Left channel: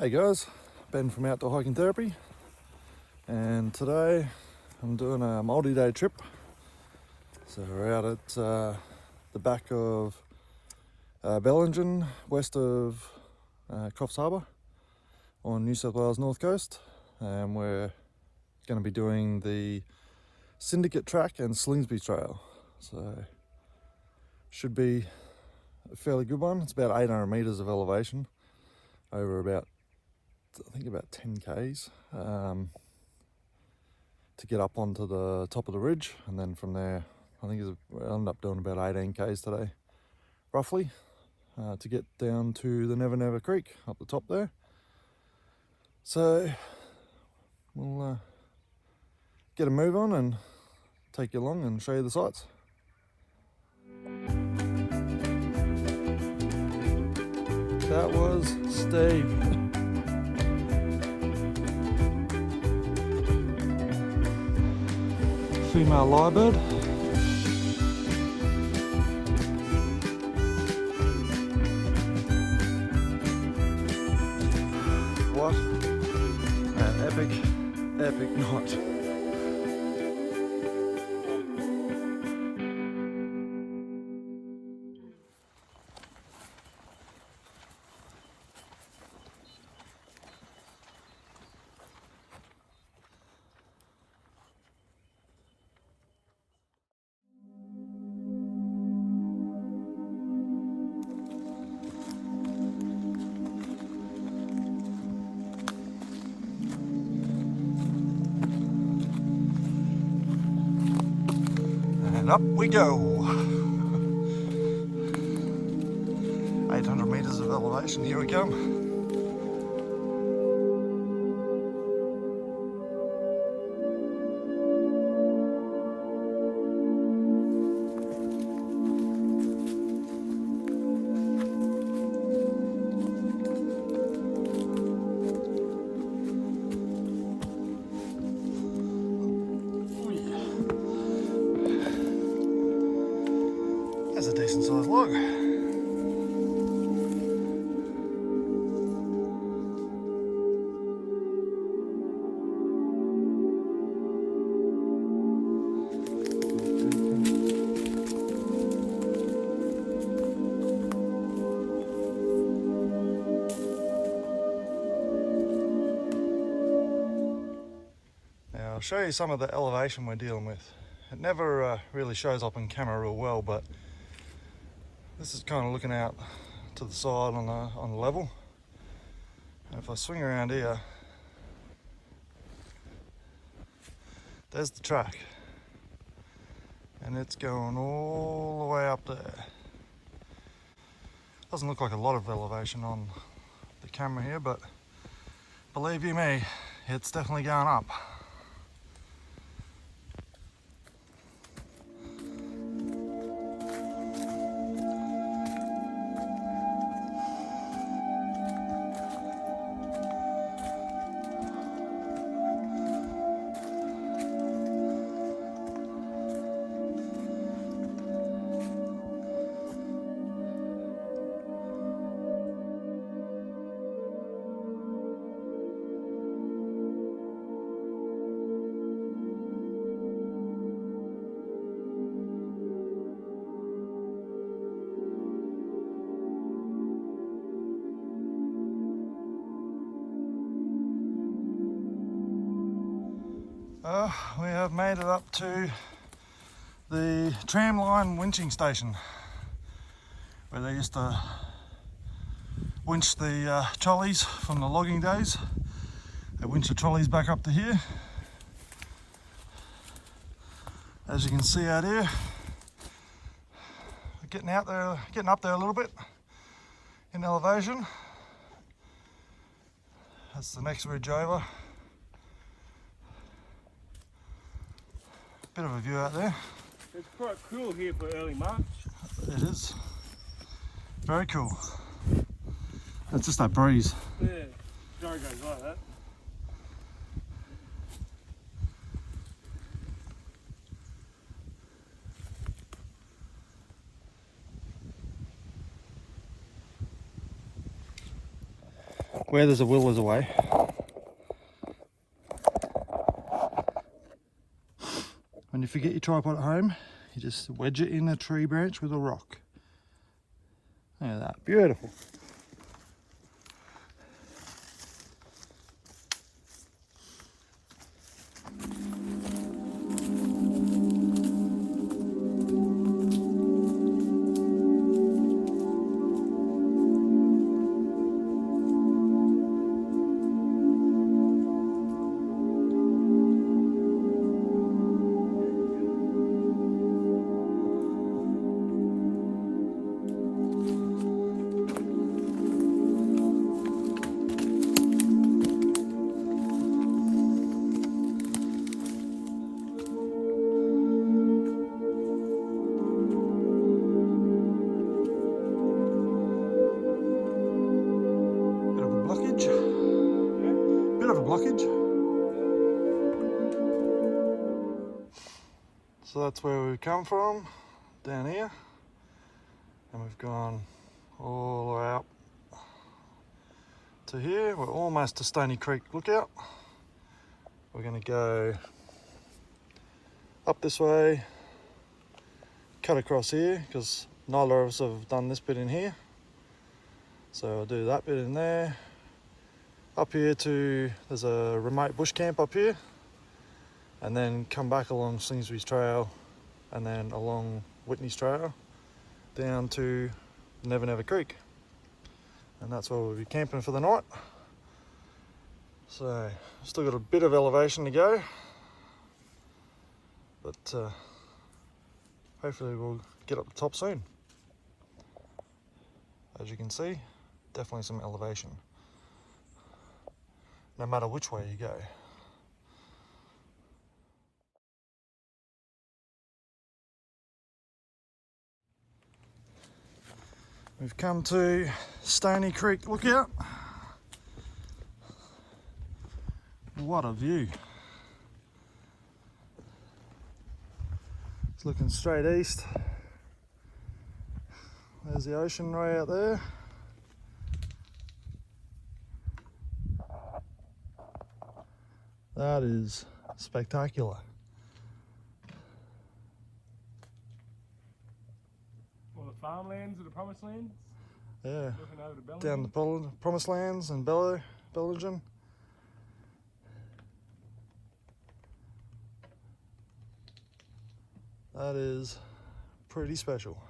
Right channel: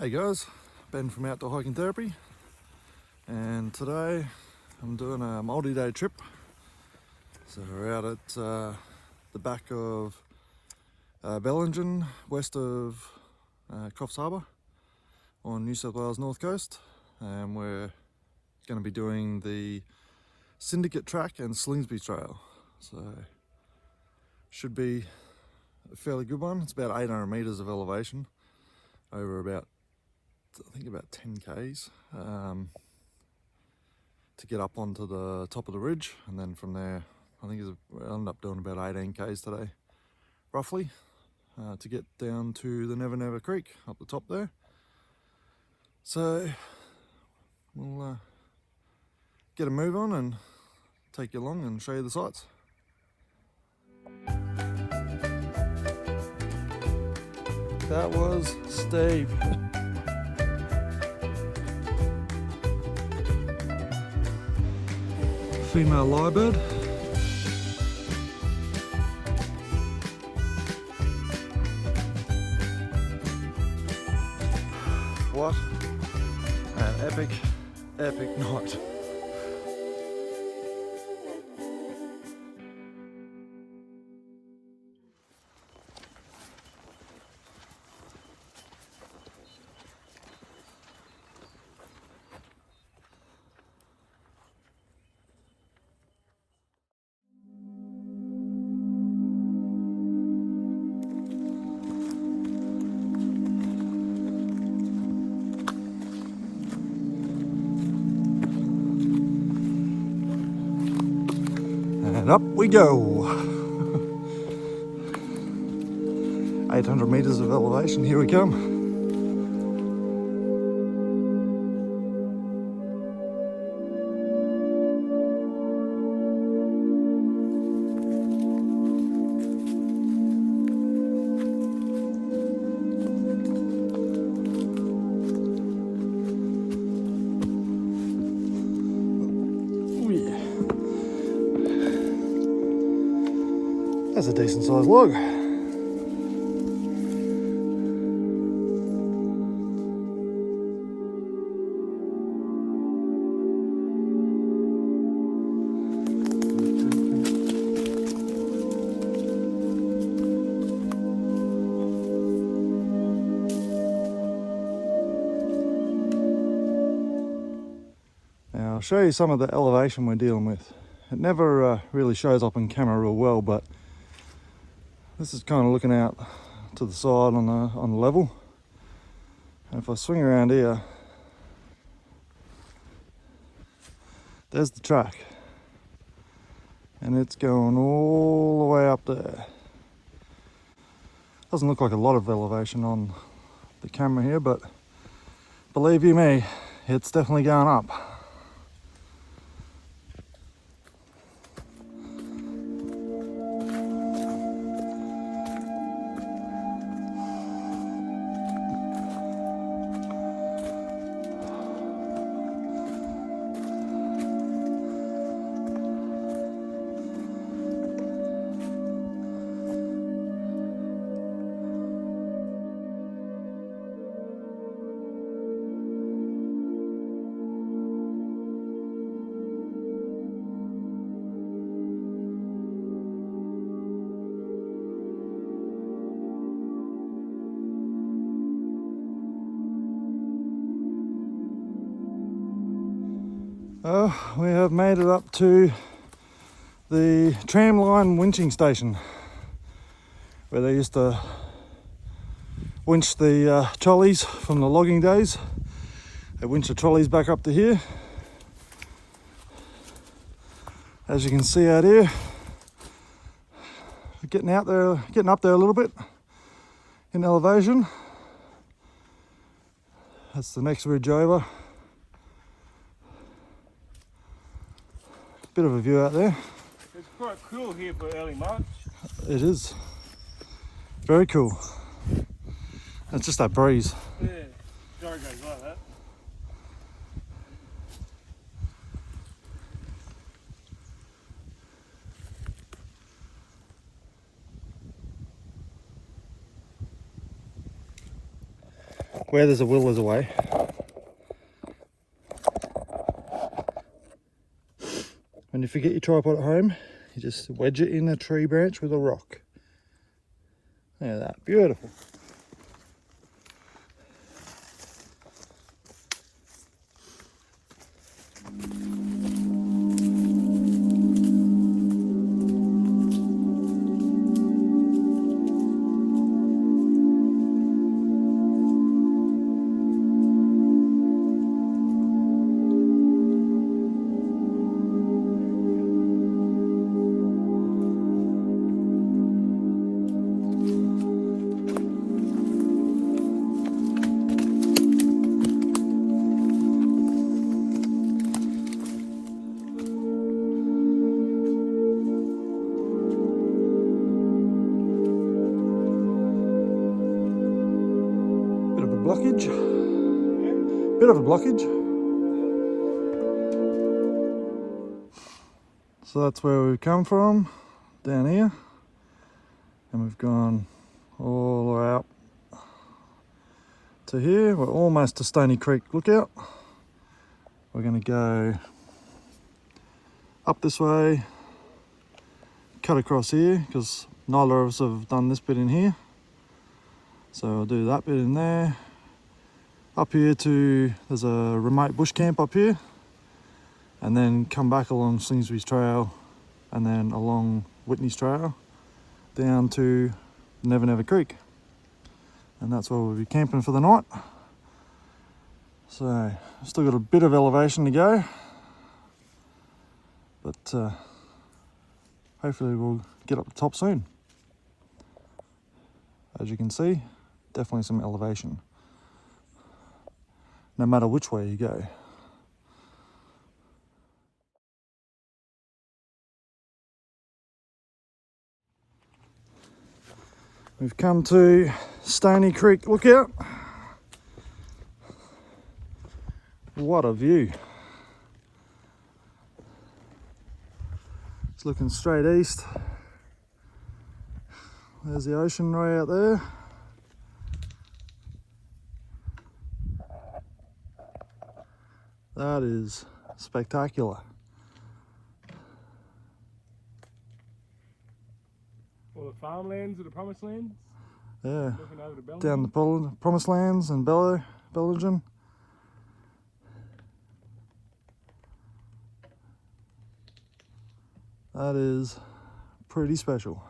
Hey guys, Ben from Outdoor Hiking Therapy, and today I'm doing a multi-day trip. So we're out at the back of Bellingen, west of Coffs Harbour on New South Wales North Coast, and we're going to be doing the Syndicate Track and Slingsby Trail. So should be a fairly good one. It's about 800 metres of elevation over about 10 k's to get up onto the top of the ridge, and then from there I think we'll end up doing about 18 k's today roughly to get down to the Never Never Creek up the top there. So we'll get a move on and take you along and show you the sights. That was steep. Female lyrebird. What an epic night. And up we go. 800 metres of elevation, here we come. That's a decent sized log. Now I'll show you some of the elevation we're dealing with. It never really shows up on camera real well, but this is kind of looking out to the side on the level. And if I swing around here, there's the track, and it's going all the way up there. Doesn't look like a lot of elevation on the camera here, but believe you me, it's definitely going up. We have made it up to the Tramline winching station, where they used to winch the trolleys from the logging days. They winch the trolleys back up to here. As you can see out here, getting up there a little bit in elevation. That's the next ridge over. Bit of a view out there. It's quite cool here for early March. It is. Very cool. It's just that breeze. Yeah, Dorrigo like that. where there's a will, there's a way. When you forget your tripod at home, you just wedge it in a tree branch with a rock. Look at that, beautiful. Bit of a blockage. So that's where we've come from, down here, and we've gone all the way up to here. We're almost to Stony Creek lookout. We're going to go up this way, cut across here, because neither of us have done this bit in here. So we'll do that bit in there. Up here to, there's a remote bush camp up here, and then come back along Slingsby Trail, and then along Whitney Trail down to Never Never Creek, and that's where we'll be camping for the night. So still got a bit of elevation to go, but hopefully we'll get up the top soon. As you can see, definitely some elevation, no matter which way you go. We've come to Stony Creek lookout. What a view. It's looking straight east. There's the ocean right out there. That is spectacular. All the farmlands of the promised lands. Yeah, Looking over to Belgium. down the promised lands and Belgium. That is pretty special.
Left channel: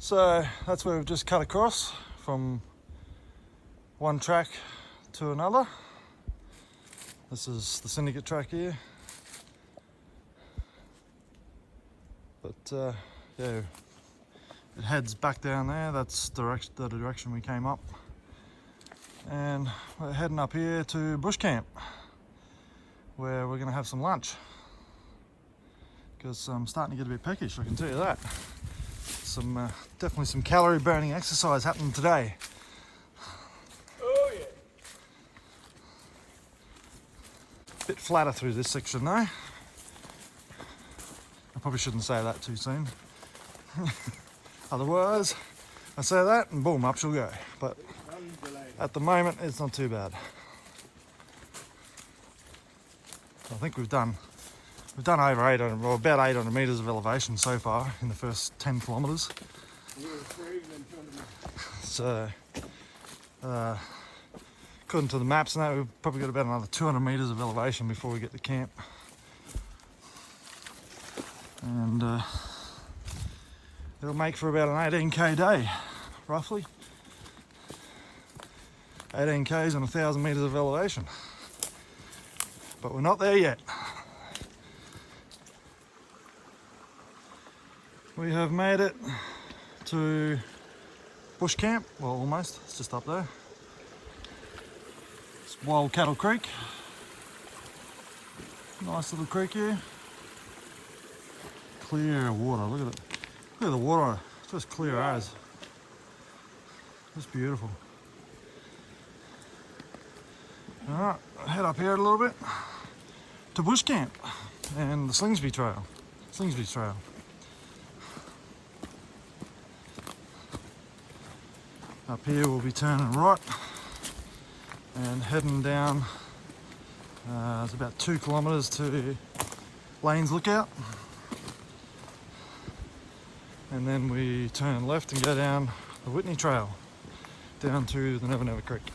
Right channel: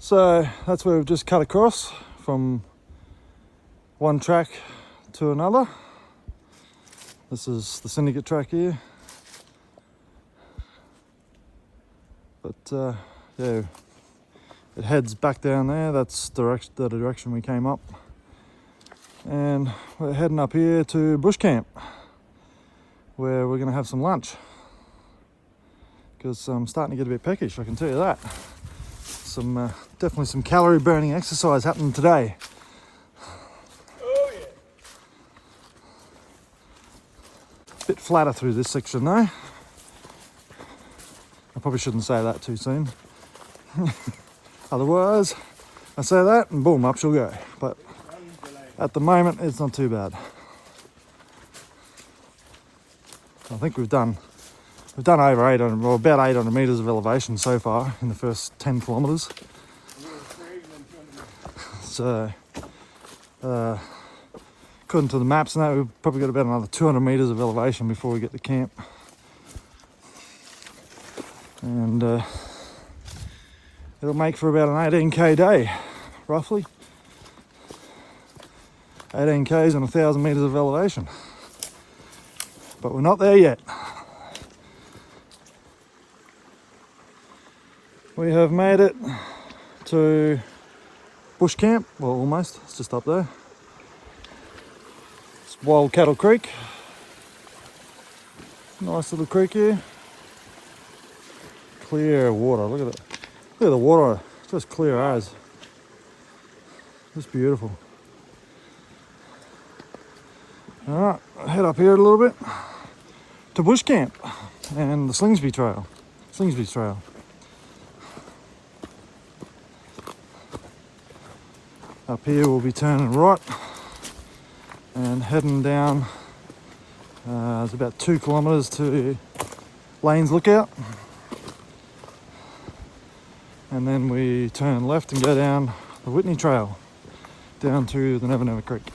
So that's where we've just cut across from one track to another. This is the Syndicate Track here. But yeah, it heads back down there. That's the direction we came up. And we're heading up here to Bush Camp, where we're gonna have some lunch. Because I'm starting to get a bit peckish, I can tell you that. Definitely some calorie burning exercise happening today. Oh yeah. Bit flatter through this section though. I probably shouldn't say that too soon. Otherwise, I say that and boom, up she'll go. But at the moment, it's not too bad. I think we've done over 800, well, about 800 metres of elevation so far in the first 10 kilometres. So, according to the maps and that, we've probably got about another 200 metres of elevation before we get to camp. And it'll make for about an 18k day, roughly. 18k's and 1,000 metres of elevation. But we're not there yet. We have made it to Bush Camp, well almost, it's just up there. It's Wild Kettle Creek. Nice little creek here. Clear water, look at it. Look at the water, just clear as. Just beautiful. Alright, head up here a little bit to bush camp and the Slingsby Trail. Slingsby Trail. Up here we'll be turning right and heading down. It's about 2 kilometres to Lane's Lookout. And then we turn left and go down the Whitney Trail down to the Never Never Creek.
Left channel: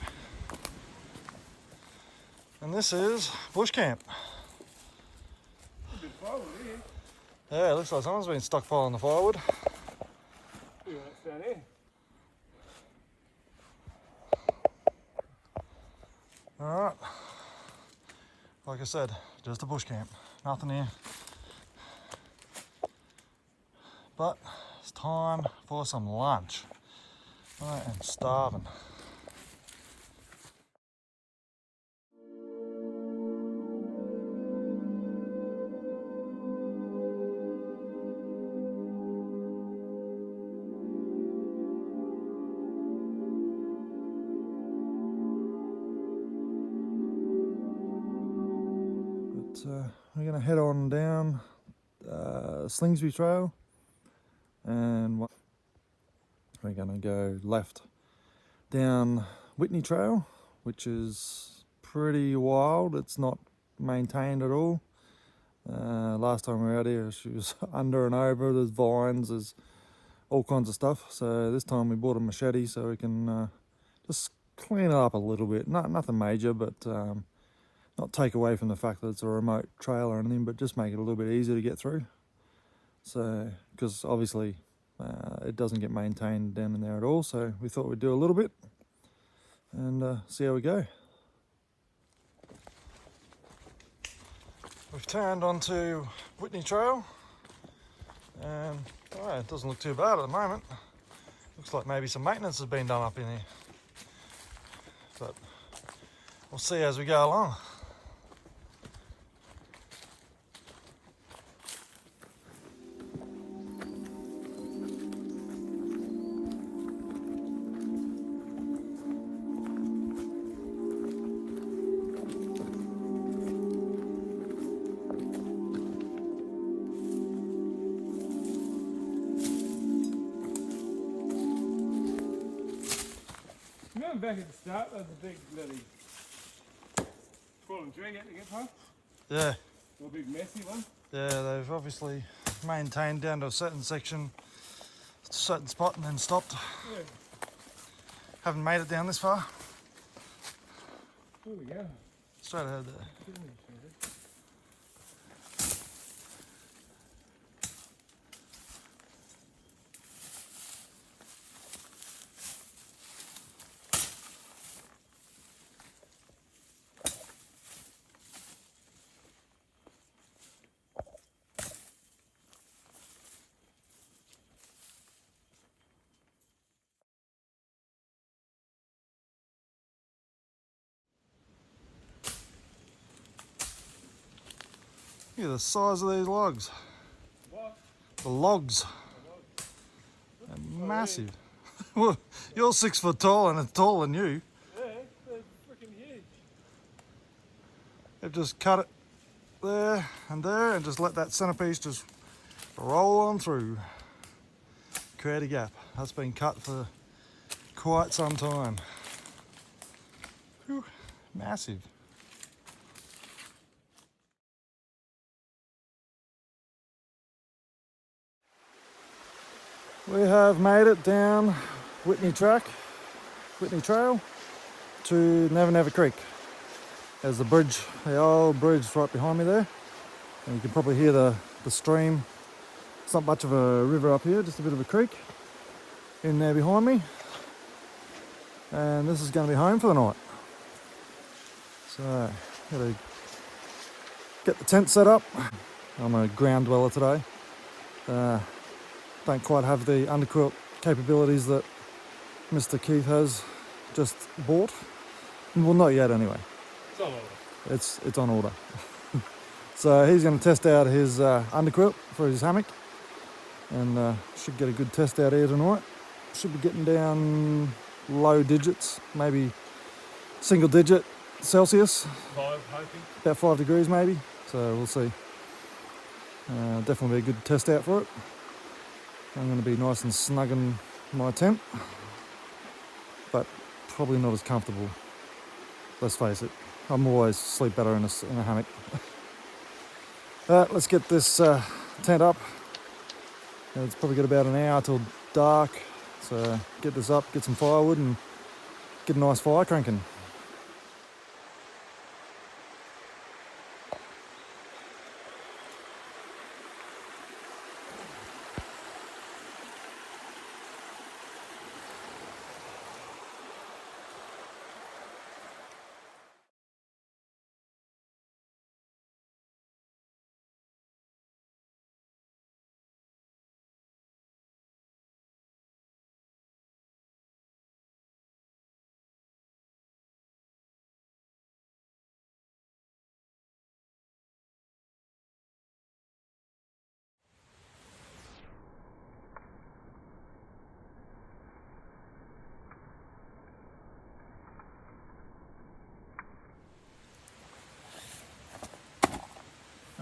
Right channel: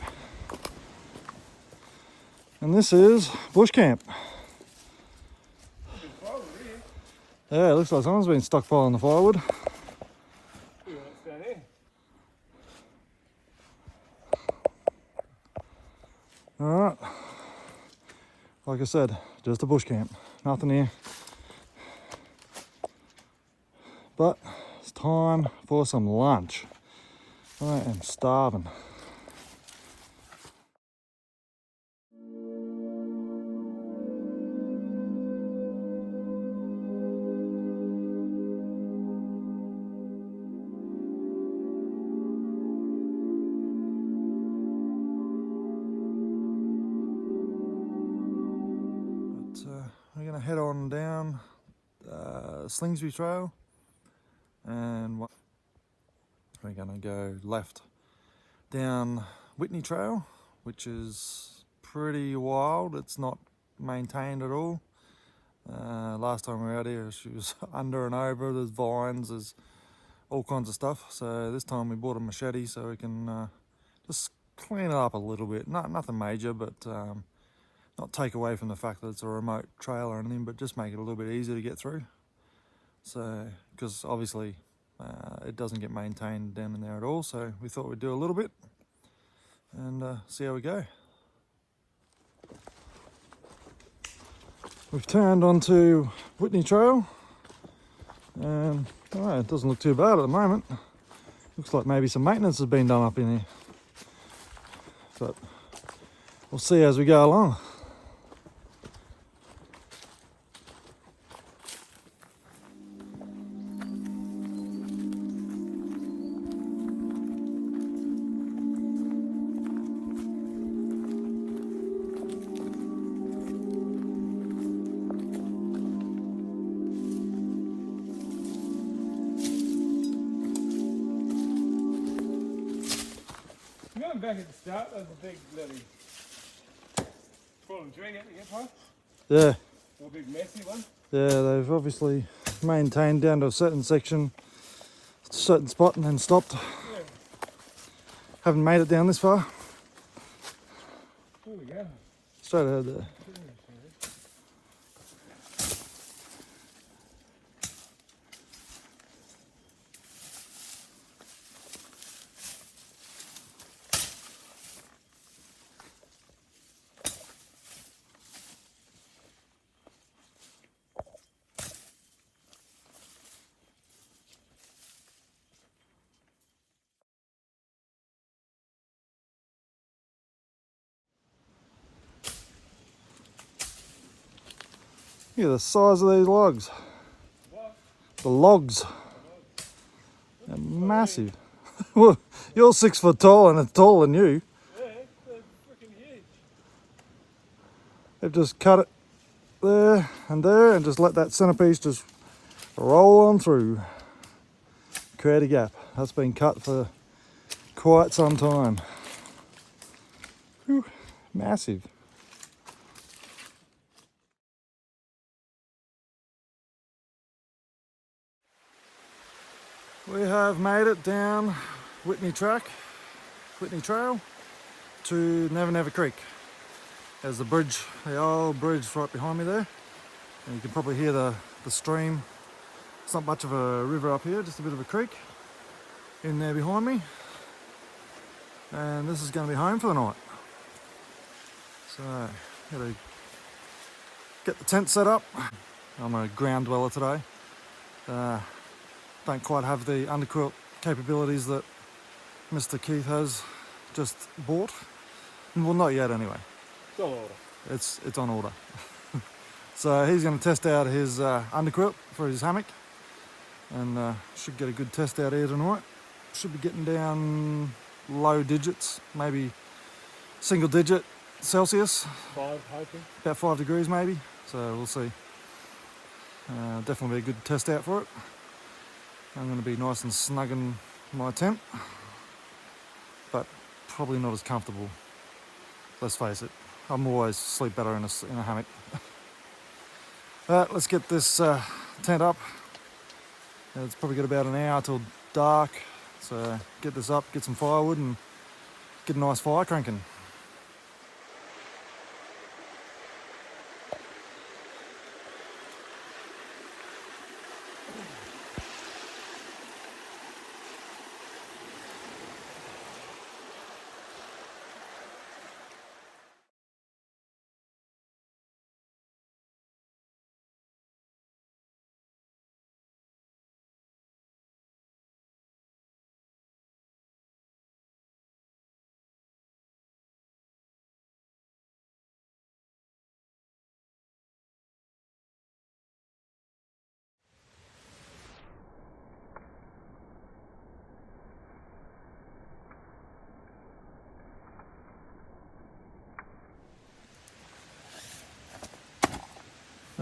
And this is bush camp. Yeah, it looks like someone's been stockpiling the firewood. Alright, like I said, just a bush camp, nothing here. But it's time for some lunch. I am starving. We're going to head on down Slingsby Trail, and we're going to go left down Whitney Trail, which is pretty wild. It's not maintained at all. Last time we were out here, she was under and over. There's vines, there's all kinds of stuff. So this time we bought a machete so we can just clean it up a little bit. Nothing major, but not take away from the fact that it's a remote trail or anything, but just make it a little bit easier to get through. So, because obviously it doesn't get maintained down in there at all, so we thought we'd do a little bit and see how we go. We've turned onto Whitney Trail, and it doesn't look too bad at the moment. Looks like maybe some maintenance has been done up in here, but we'll see as we go along. Back at the start, there's a big bloody fallen tree out to get past. Yeah. A big messy one. Yeah, they've obviously maintained down to a certain section, a certain spot, and then stopped. Yeah. Haven't made it down this far. There we go. Straight ahead there. Look at the size of these logs. What? The logs. They're massive. Well, you're 6 foot tall and it's taller than you. Yeah, they're freaking huge. They've just cut it there and just let that centerpiece just roll on through. Create a gap. That's been cut for quite some time. Whew, massive. We have made it down Whitney Trail to Never Never Creek. There's the bridge, the old bridge right behind me there. And you can probably hear the stream. It's not much of a river up here, just a bit of a creek in there behind me. And this is going to be home for the night. So, gotta get the tent set up. I'm a ground dweller today. Don't quite have the underquilt capabilities that Mr. Keith has just bought. Well, not yet anyway. So, It's on order. So he's going to test out his underquilt for his hammock, and should get a good test out here tonight. Should be getting down low digits, maybe single digit Celsius, hoping. about 5 degrees maybe. So we'll see. Definitely be a good test out for it. I'm going to be nice and snug in my tent, but probably not as comfortable. Let's face it, I'm always sleep better in a hammock. Alright, let's get this tent up. It's probably got about an hour till dark, so get this up, get some firewood and get a nice fire cranking.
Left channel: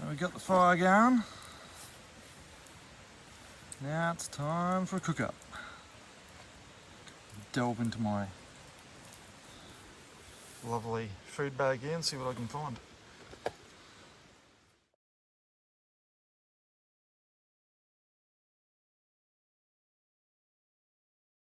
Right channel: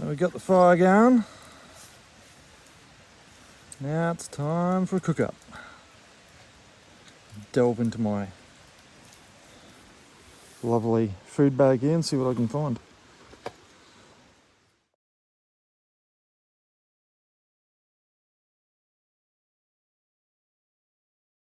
We got the fire going. Now it's time for a cook up. Delve into my lovely food bag here and see what I can find.